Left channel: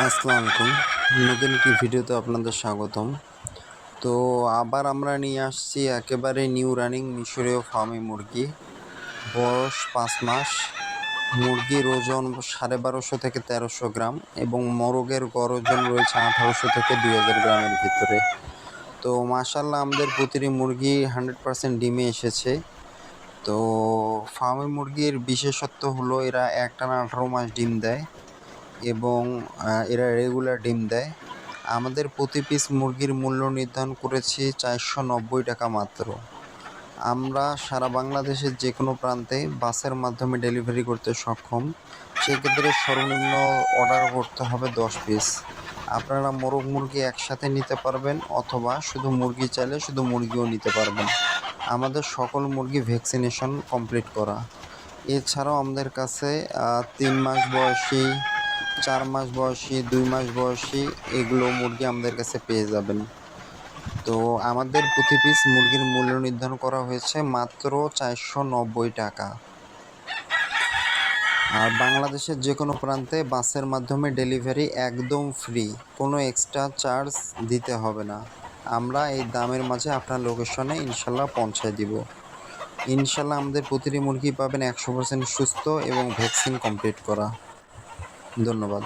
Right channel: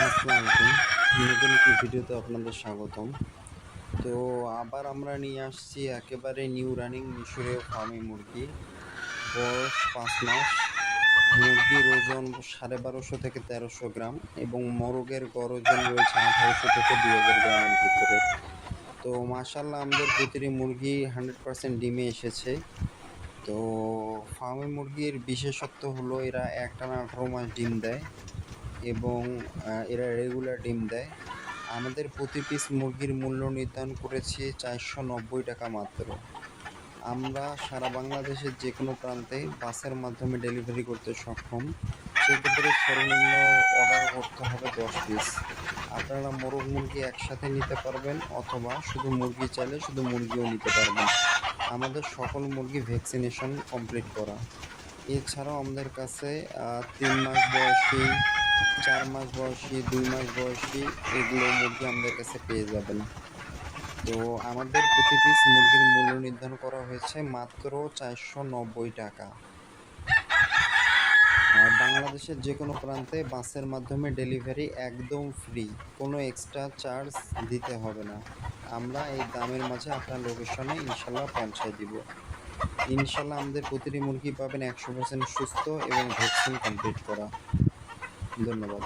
আসসালামু আলাইকুম। নতুন একটি ভিডিওতে আপনাদের স্বাগতম। তো আবার আমরা নিয়ে আসছি একেবারে নিউ রানিং মিশরীয় ফার্মি মুরগি। বয়স ৫ মাস। মুরগির ওজন ১২৫০ থেকে ১৩০০ গ্রাম এবং মোরগের গড় ওজন রয়েছে ১৮০০ থেকে ২০০০ গ্রামের ভিতরে। তো মাশাআল্লাহ আমাদের প্রতিটি মুরগি 100% ডিমে এসেছে। তো ফার্মি মুরগির বিশেষত্ব হলো এরা একটানা ১৮ মাস ডিম দেয় এবং এরা রেগুলার ডিম দেয়। আমাদের প্রতি পিস মুরগির মূল্য নির্ধারণ করেছি ৪৯০ টাকা মাত্র। আমরা সারা বাংলাদেশের যে কোনো প্রান্তে বাসের মাধ্যমে ডেলিভারি করতে সক্ষম। সেক্ষেত্রে সর্বনিম্ন অর্ডার করতে হবে ১০ পিস। আপনারা মোরগ মুরগি একসাথে নিতে পারবেন অথবা শুধু মুরগি চাইলে শুধু মুরগিও নিতে পারবেন। আমাদের সকল মুরগি ভ্যাকসিনেশন কমপ্লিট করা। এছাড়াও আমাদের কাছে ৩ মাস বয়সী, ৪ মাস বয়সী, ২ মাস বয়সী এগুলো মুরগি আমাদের কাছে পেয়ে যাবেন। তো আমাদের প্রতি পিস মুরগির মূল্য নির্ধারণ করা হয়েছে মাত্র ৪৯০ টাকা। আর বাংলাদেশের যে কোনো প্রান্তে বাসের মাধ্যমে ডেলিভারি একদম ফ্রি, কোনো এক্সট্রা চার্জ দিতে হবে না। আমরা এই দামের মাঝে আপনার লোকেশনে ইনশাল্লাহ পৌঁছায় দিব। ইনশাল্লাহ আমাদের প্রতিটি মুরগি পাবেন ১০০% সুস্থ এবং ভ্যাকসিন কমপ্লিট করা। ধন্যবাদ।